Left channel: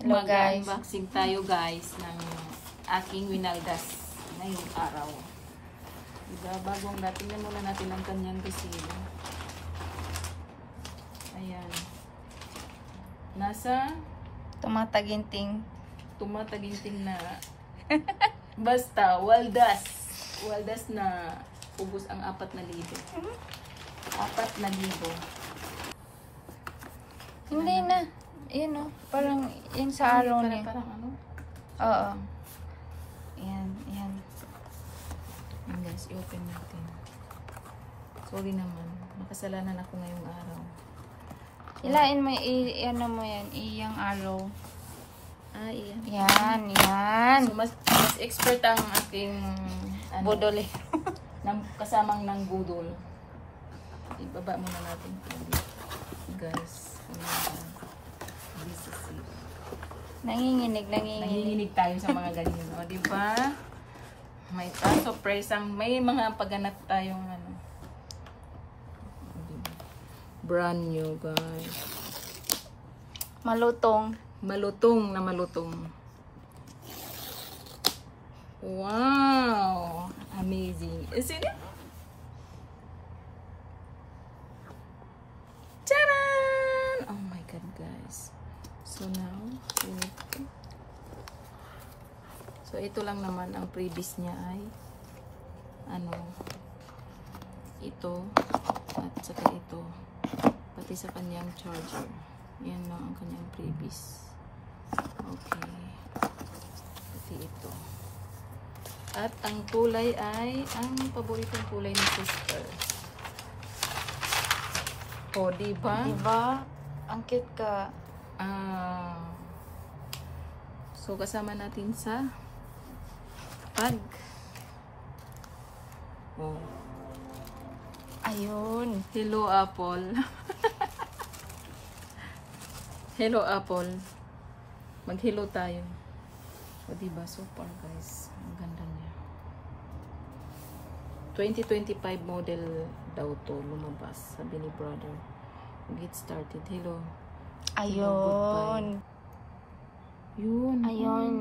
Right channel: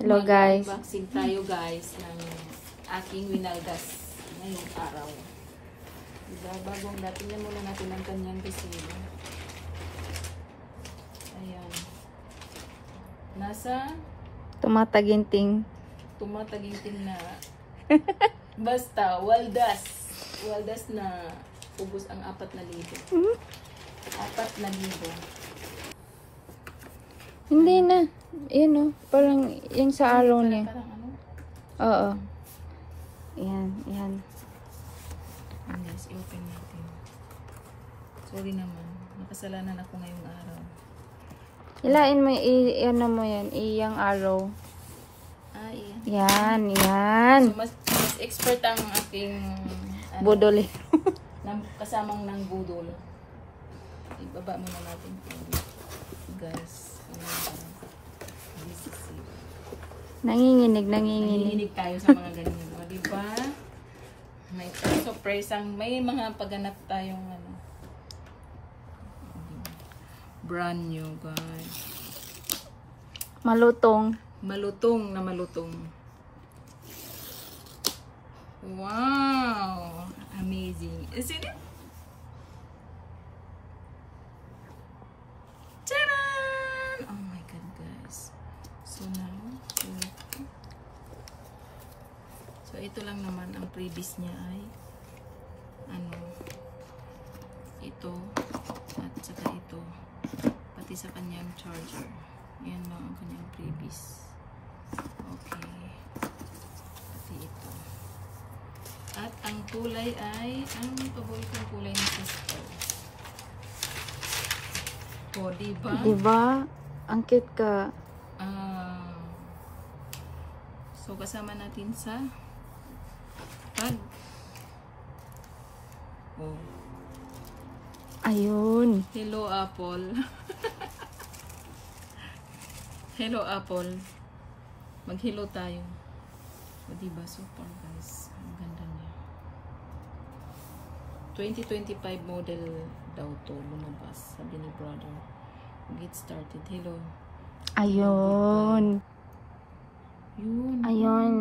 Hello guys. Mag-unboxing tayo guys ng aking winaldas ngayong araw. Diba, bagong dating muna natin ang kanyang resibo. Ayan. Nasa Tumataginting na basta waldas. Waldas na ubos ang 4,000. 4,000. Hindi na. Yan o. Parang yung sa araw niya. Parang ano? Oo. Yan. Yan. Ayan guys, i-open natin. Sorry naman. Makasalanan ako ngayong araw. Hilain mo, ano mo yan. Iyang araw. Ah, iyan. Yan. Yan. So, mas expert ang aking Budol. kasamang ng budol. Ibaba muna natin ito. Guys. This is it. Nanginginig tayo sa mga ganyan. O, diba? May surprise. May mga pagganap tayong ano. O, diba? Brand new, guys. Malutong. Malutong na malutong. Wow! Amazing. Isn't it? Tadaan! Oh my god, guys. So now, so ito lang naman ang previous niya ay ano, ito at saka ito, pati sa kanyang charger. Yan lang ang kanyang previous. Okay. Pati ito. At ang kulay ay ang paboritong kulay ni sister. O, diba? Diba? Ang cute ka. So, kasama natin sa pag. Oh. Ayun. Hello, Apple. Hello, Apple. Mag-hello tayo. O, diba? Super, guys. Ang ganda niya. 2025 model daw to lumabas. Sabi ni brother. Get started. Hello. Ayun. Yun. Ayun.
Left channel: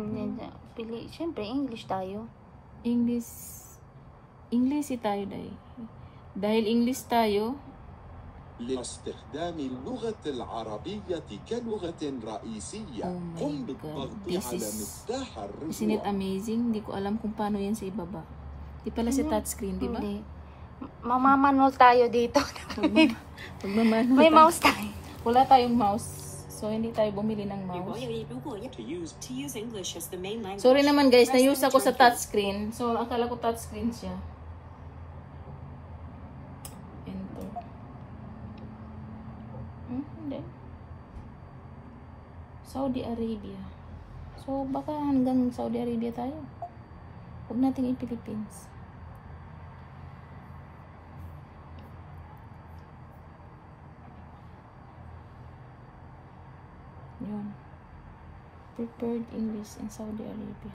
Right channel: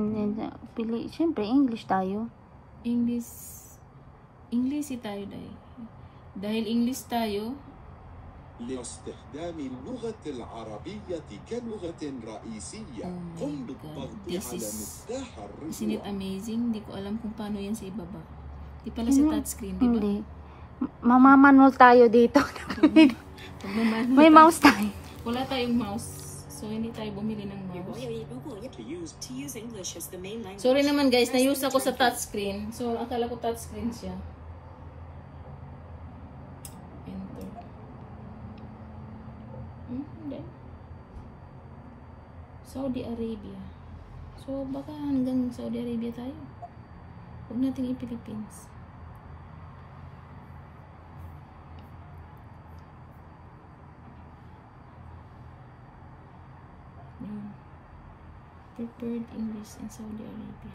Siyempre, English tayo. English tayo dahil. Dahil English tayo. لاستخدام اللغة العربية كلغة رئيسية. قم بالضغط على مفتاح الرجوع. Isn't it amazing? Hindi ko alam kung paano yan sa ibaba. Di pala sa touchscreen, di ba? Mamamanol tayo dito. May mouse tayo. Wala tayong mouse. So, hindi tayo bumili ng mouse. Sorry naman guys, na-use ako sa touchscreen. So, akala ko touchscreen siya. Enter. Hindi. Saudi Arabia. So, baka hanggang Saudi Arabia tayo. Huwag natin i-Philippines. Yun. Prepared English in Saudi Arabia.